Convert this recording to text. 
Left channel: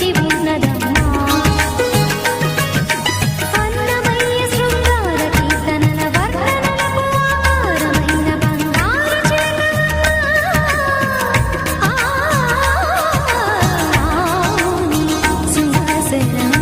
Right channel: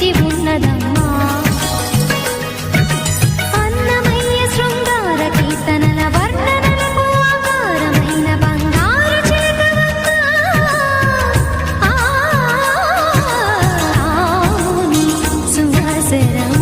వేచి ఉన్నదమ్మా. అన్నమయ్య శృంగార కీర్తనల వర్ణనలకు ఆకారమైన బంగారు చిలకవమ్మా. రాముని సుందరసరం